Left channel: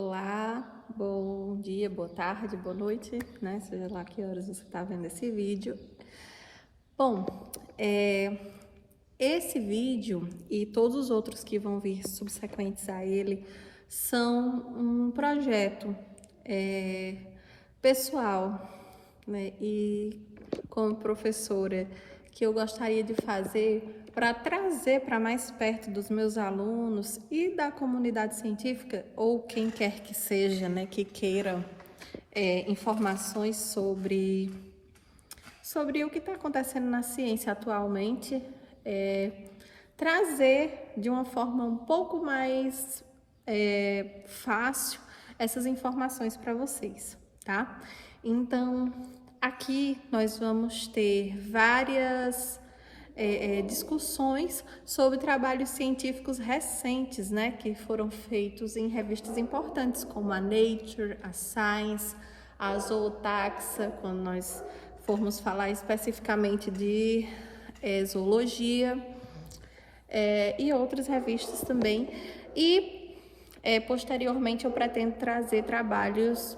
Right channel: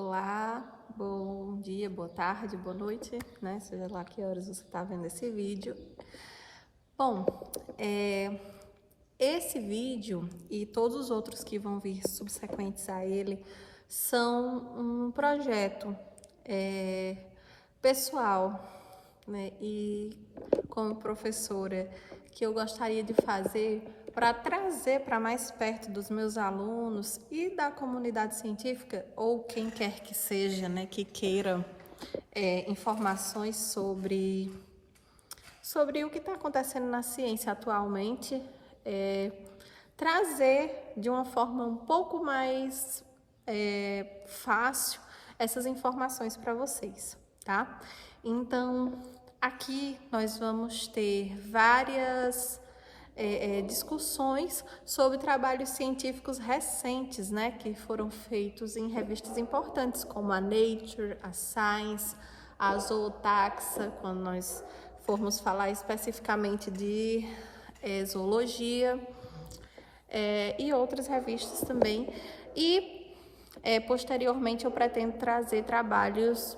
Olá, bom dia, boa tarde, boa noite, né? Seja lá que horas você está vendo esse vídeo. Bom, esse vídeo e todos os outros que vão vir subsequentes a ele são um projeto pessoal, né? E como professora, que eu gostaria de fazer para trazer para mais perto dos meus alunos e da comunidade científica, ou quem quer que seja, né, que queira informações sobre o que está acontecendo na ciência atualmente, trazer de uma forma um pouco mais fácil essas informações para vocês, tá? Então, aqui nós vamos ter várias discussões sobre trabalhos científicos recentes, né, que foram feitos em revistas importantes como a Nature, a Science, a Zootaxa, quando nós formos falar especificamente de zoologia, e outras revistas também. E posteriormente eu pretendo trazer trabalhos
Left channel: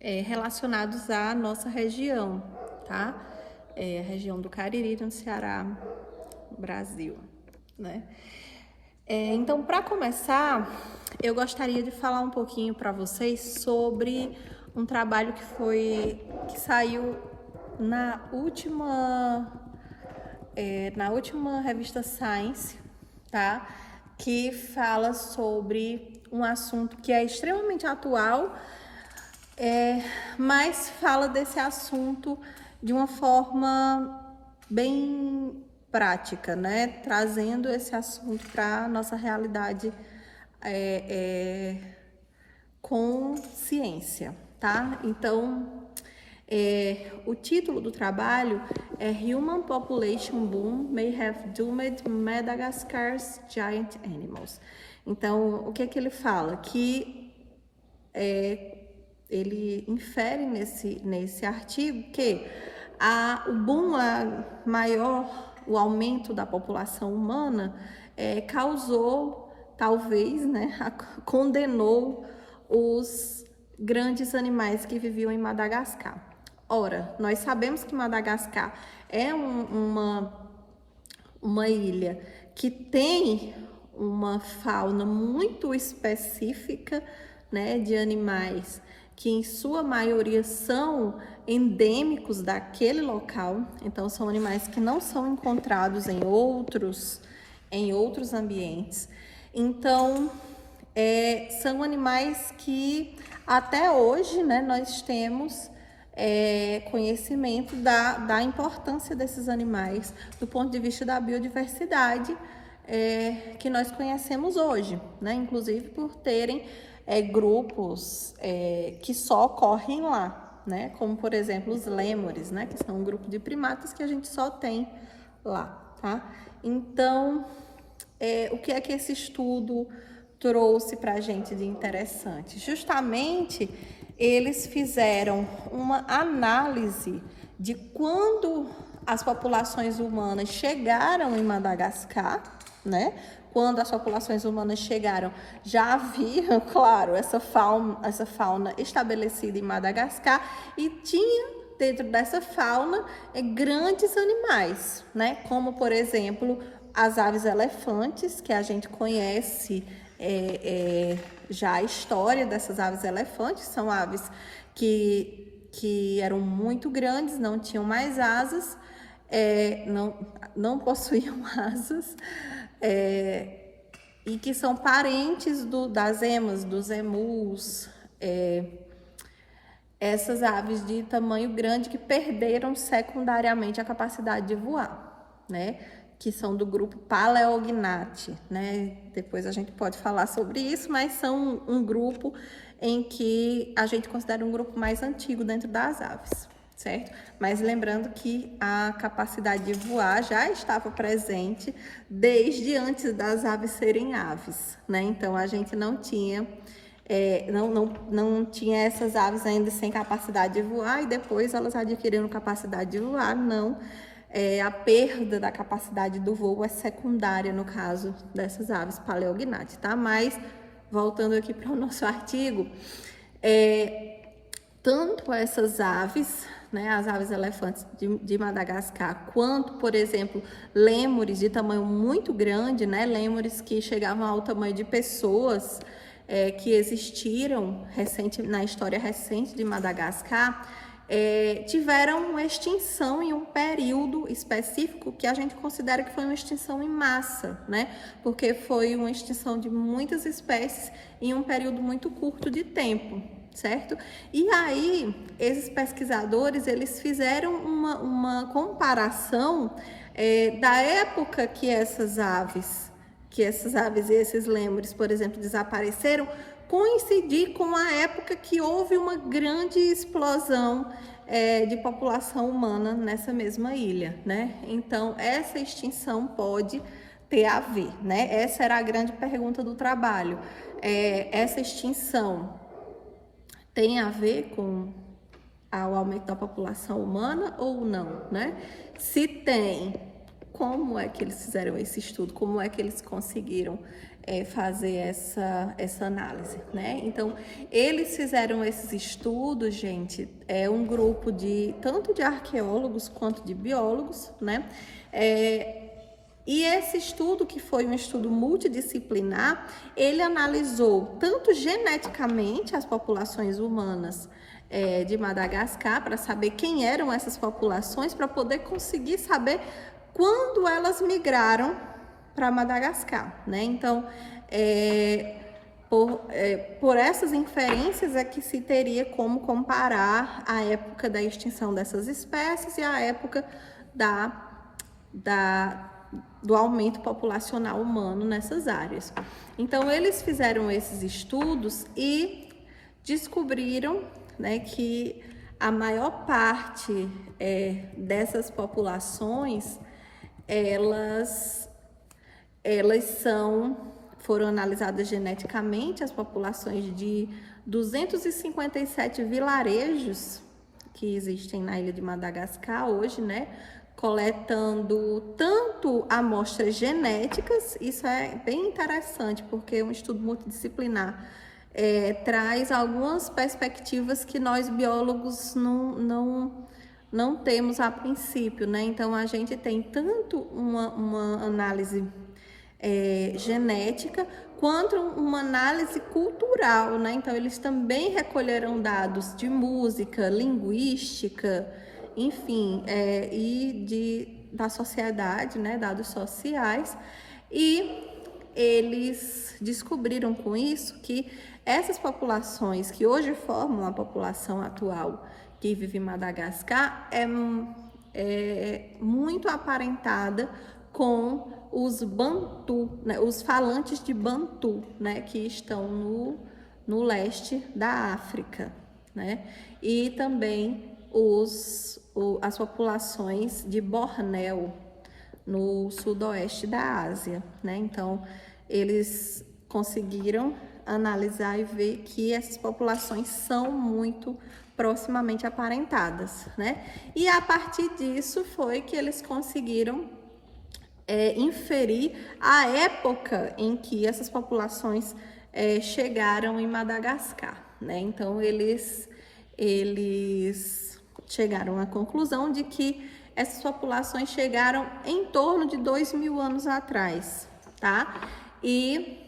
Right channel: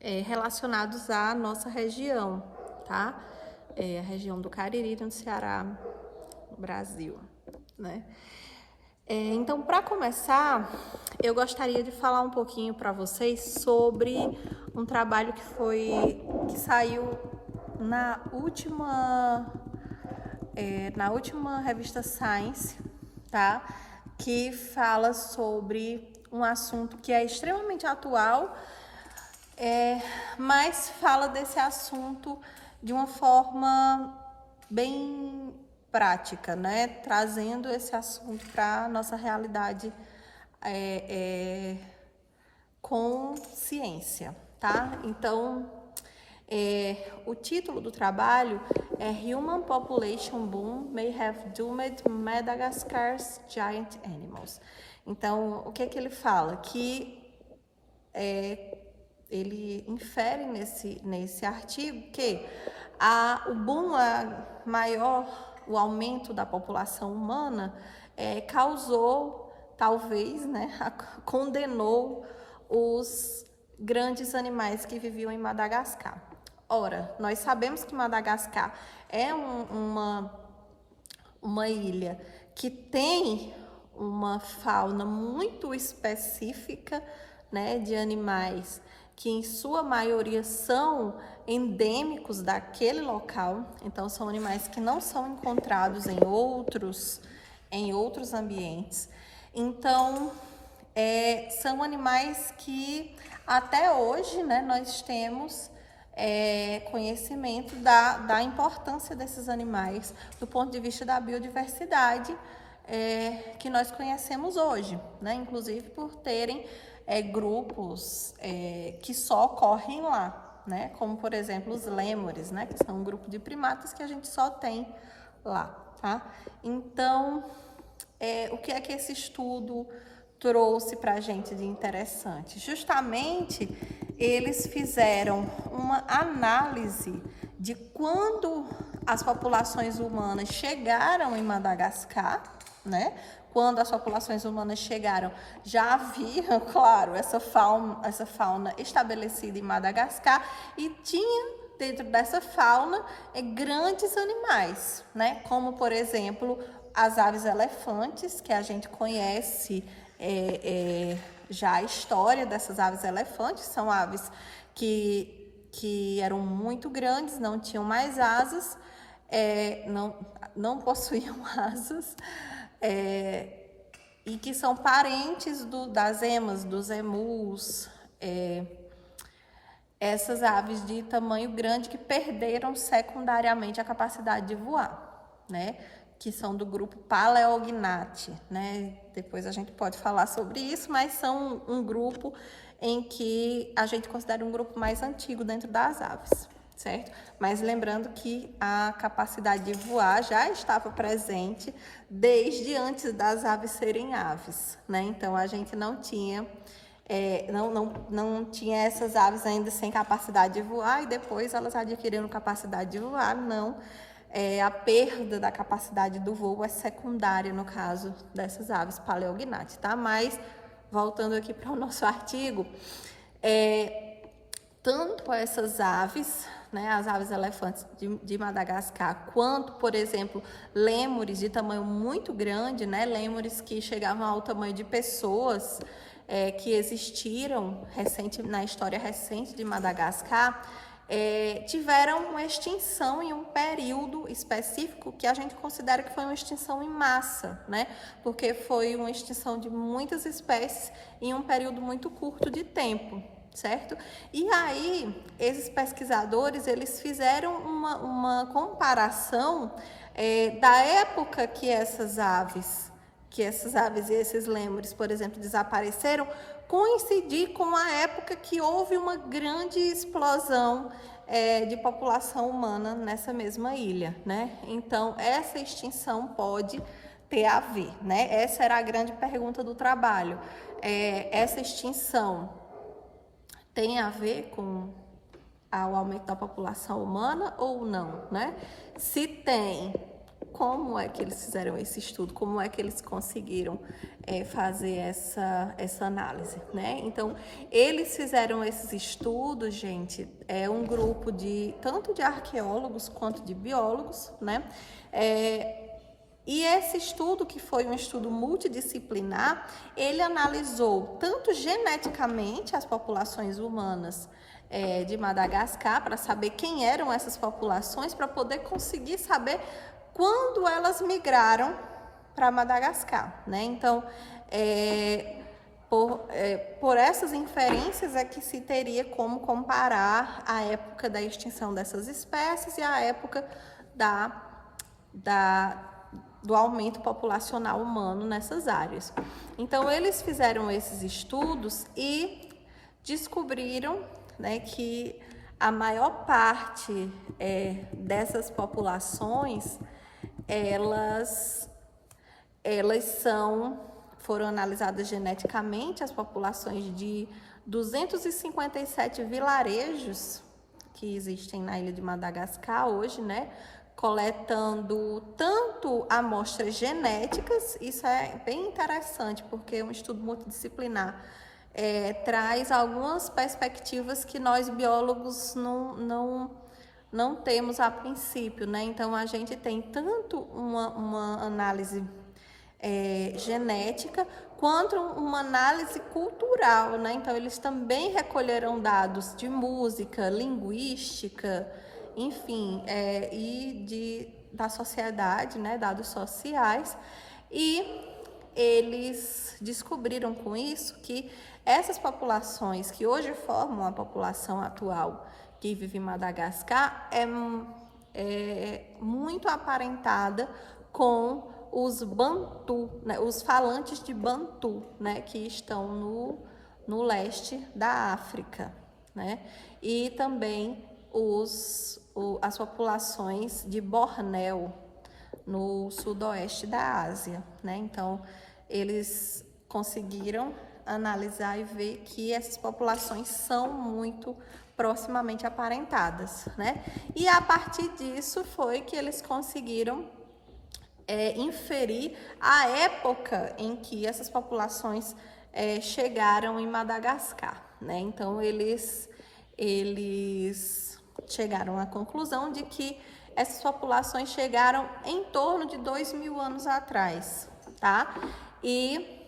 relacionados à nossa região, tá? A região do Cariri, no Ceará, Brasil, né? Então, para começar, eu gostaria de falar um pouquinho para vocês sobre um trabalho que saiu na última revista Science, tá? Que fala sobre um assunto que é extremamente atual, mas fala desse assunto de uma forma bem prática, né? Trazendo esse assunto para a nossa realidade com ciência, tá? Então, o título do trabalho é Human Population Boom May Have Doomed Madagascar's Giant Animals. Então, o que ele fala? Que ele infere nesse artigo que o boom o aumento da população humana causou, talvez, né, condenou os grandes animais que viviam em Madagascar. Ora, nós sabemos que Madagascar é uma ilha que tem uma fauna muito específica, né, de animais que em sua maioria são endêmicos daquele local, então são animais que não são encontrados em outros ambientes. Então, são animais que até hoje, né, nós temos conhecimento da importância desses animais do ponto de vista da biodiversidade que nós conhecemos hoje, né, inclusive por terem grupos que só ocorrem lá, né? Como, por exemplo, os lêmures, né? Que são um grupo de primatas que a gente só tem lá, tá? Então, o que é que esse estudo trouxe para a gente de interessante? Justamente, eles fizeram uma análise de quando as populações humanas chegaram em Madagascar, né? Quando as populações humanas chegaram, já havia, claro, essa fauna estabelecida em Madagascar e tinha dentro dessa fauna grandes animais, né? Como, por exemplo, as aves elefantes, que a gente conhece já a história dessas aves elefantes, são aves que eram muito grandes, não tinham mais asas, não possuíam asas, e que são parentes das emas, dos emus, essas aves de tamanho grande que perderam secundariamente a capacidade de voar, né? Que são do grupo Palaeognathae, né? Depois a gente pode falar sobre isso, mas são um grupo em que a gente considera um grupo mais antigo dentro das aves, certo? Mas lembrando que a capacidade de voar já estava presente desde antes das aves serem aves, né? Então a gente não tinha essas aves ainda sem capacidade de voar e depois elas adquiriram capacidade de voar, não. A perda da capacidade do voo é secundária no caso dessas aves Palaeognathae, tá? Mas voltando aqui para o nosso artigo, tanto essas aves, né, as aves elefantes de Madagascar, quanto, por exemplo, lêmures de tamanho muito grande, né, lêmures que chegavam ao tamanho de pessoas, que existiram na história recente de Madagascar, tiveram uma extinção em um período específico que a gente considera que foi uma extinção em massa, né? Porque foi uma extinção de muitas espécies em um período muito curto de tempo, certo? E aí, esses pesquisadores, eles fizeram uma comparação da época que essas aves e esses lêmures, por exemplo, desapareceram, coincidir com a época que houve uma grande explosão de população humana nessa mesma ilha, né? Então, essa extinção pode ter a ver, né? Essa era a grande pergunta do trabalho. Essa extinção tem a ver com o aumento da população humana ou não, né? Se tem, como é que eles fizeram esse estudo? Como é que eles conseguiram fazer essa análise, né? Então, eles fizeram esses estudos, gente, um grupo tanto de arqueólogos quanto de biólogos, né? E esse estudo, que foi um estudo multidisciplinar, ele analisou tanto geneticamente as populações humanas de Madagascar, para saber quem eram essas populações, para poder conseguir saber quando elas migraram para Madagascar, né? Então, por essas inferências é que se teria como comparar a época da extinção dessas espécies e a época do aumento populacional humano nessas áreas. Então, eles fizeram esses estudos e descobriram, né, que a maior parte dessas populações, elas foram analisadas geneticamente, as populações de 257 vilarejos que existem na ilha de Madagascar hoje, né? Coletando tanto amostras genéticas, isso é bem interessante, porque é um estudo multidisciplinar, traz algumas perspectivas que nós biólogos não temos a princípio, né? Então, a gente tem tanto uma análise genética, quanto uma análise cultural, né? Então, eles também recolheram dados de música, linguística, enfim, da sociedade, né? Dados sociais, e eles descobriram com isso que essas populações que hoje formam a população atual que vive em Madagascar é muito aparentada com os Bantu, né, os falantes de Bantu, né, que estão no leste da África, né, e também as populações de Bornéu, no sudoeste da Ásia, né. Então, eles conseguiram analisar e ver que essas populações são muito proximamente aparentadas, né? E a partir disso foi que eles conseguiram inferir a época em que essas populações chegaram em Madagascar, né? Então, eles chegaram à conclusão de que essas populações chegaram em torno de 2.000 anos atrás, tá? E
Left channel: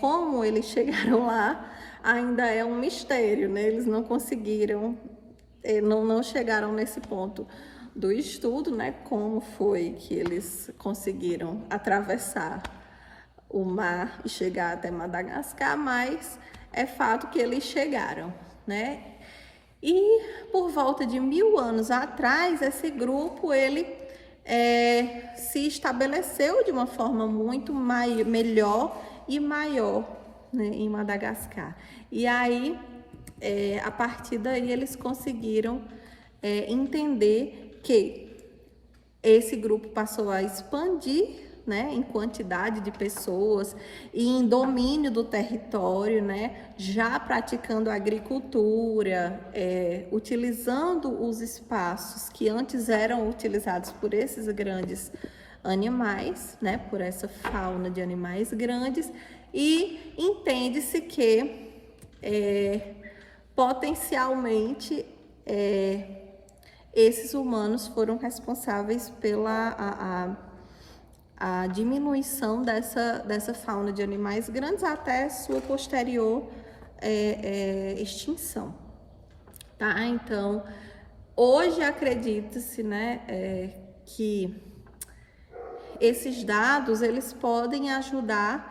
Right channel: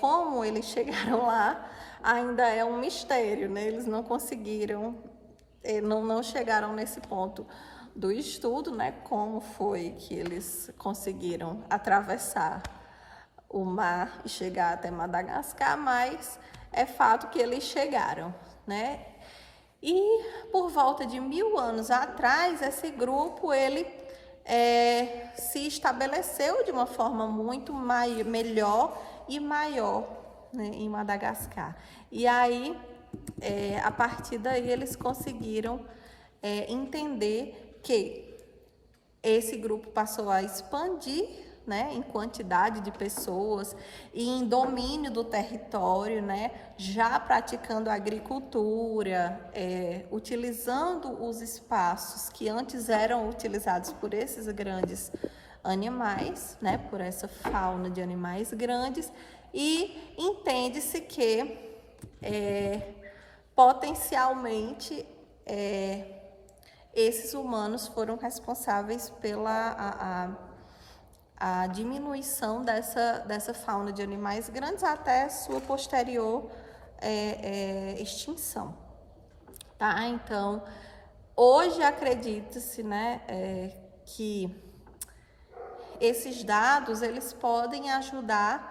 como eles chegaram lá, ainda é um mistério, né? Eles não conseguiram, não chegaram nesse ponto do estudo, né? Como foi que eles conseguiram atravessar o mar e chegar até Madagascar, mas é fato que eles chegaram, né? E por volta de 1.000 anos atrás, esse grupo, ele se estabeleceu de uma forma muito melhor e maior, né, em Madagascar. E aí, a partir daí, eles conseguiram entender que esse grupo passou a expandir, né, em quantidade de pessoas e em domínio do território, né, já praticando agricultura, utilizando os espaços que antes eram utilizados por esses grandes animais, né, por essa fauna de animais grandes, e em entende-se que potencialmente esses humanos foram responsáveis pela a diminuição dessa fauna de animais grandes até sua posterior extinção, tá? Então, hoje acredita-se, né, que esses dados, eles podem ajudar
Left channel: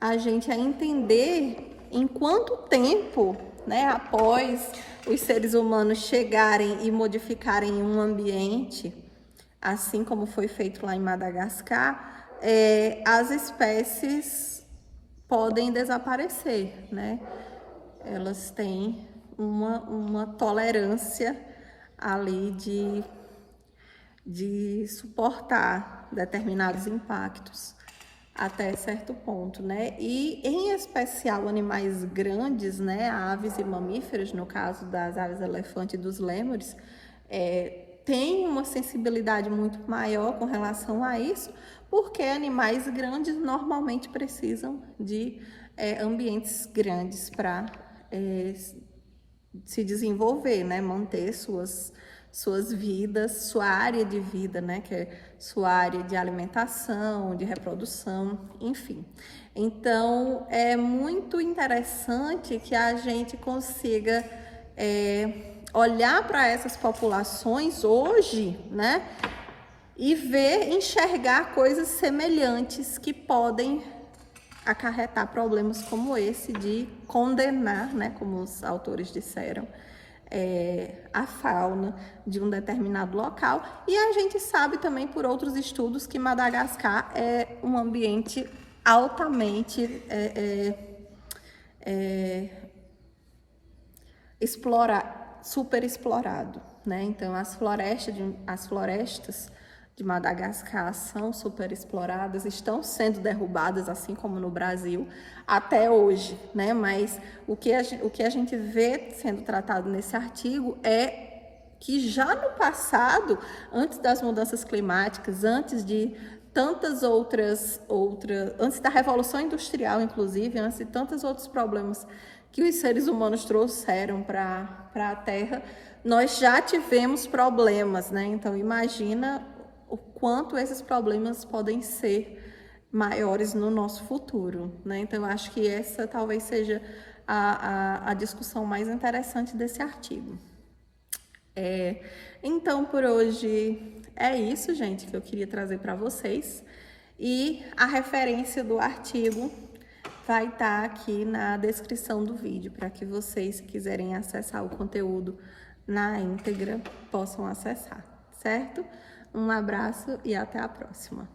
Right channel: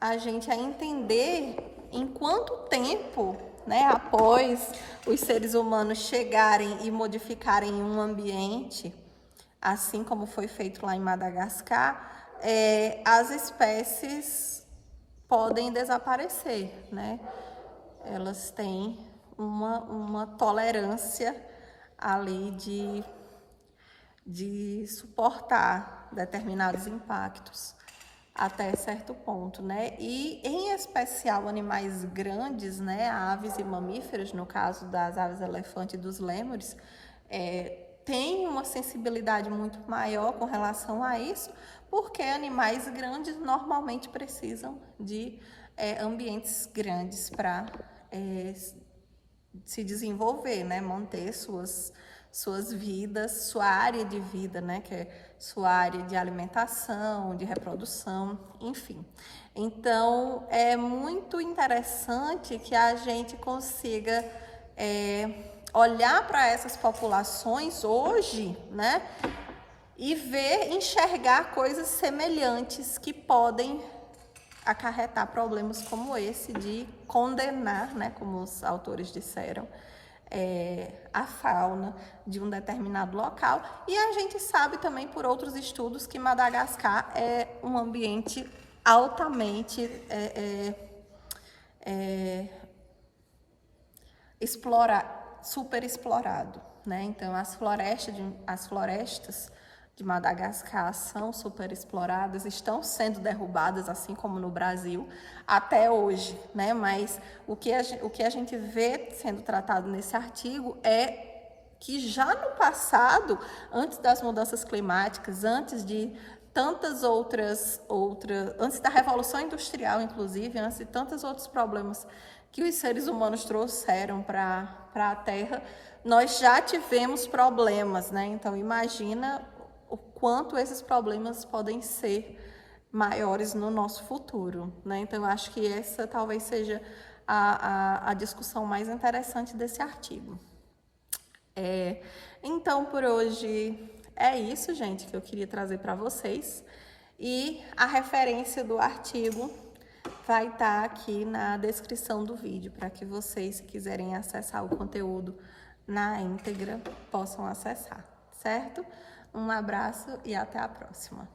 a gente a entender em quanto tempo, né, após os seres humanos chegarem e modificarem um ambiente, assim como foi feito lá em Madagascar, as espécies podem desaparecer, né? Elas têm uma tolerância ali de suportar determinados impactos até certo ponto, né? E em especial animais grandes, né? Aves e mamíferos, no caso das aves elefante e dos lêmures, tem uma sensibilidade muito maior com relação a isso, porque animais grandes normalmente precisam de ambientes grandes para se desenvolver, né? Manter suas vidas, sua área de vida, né? Que é sua área de alimentação, de reprodução, enfim. Então, é muito interessante que a gente consiga olhar para essas populações hoje, né? E enxergar coisas semelhantes que podem acarretar problemas como esse de condenar, né, como os autores disseram, a fauna de um determinado local. E a gente sabe também por outros estudos que Madagascar é um ambiente altamente super explorado, né? Então as florestas de Madagascar são super exploradas, estão sendo derrubadas, assim como no Brasil, até hoje, né? Mas o que a gente vê sendo tratado nesse artigo é que já no passado, antes das mudanças climáticas, antes de tantas outras, antes da Revolução Industrial, inclusive, antes de tantos outros problemas que os seres humanos trouxeram para a Terra, nós já tivemos problemas, né? Então, imagina o quanto esses problemas podem ser maiores no nosso futuro, né? Então, eu acho que essa talvez seja a discussão mais interessante desse artigo. Então, por hoje é isso, gente, que eu queria trazer para vocês. E a referência do artigo vai estar aqui na descrição do vídeo, para que vocês, se quiserem acessar o conteúdo na íntegra, possam acessar, certo? Um abraço e até a próxima.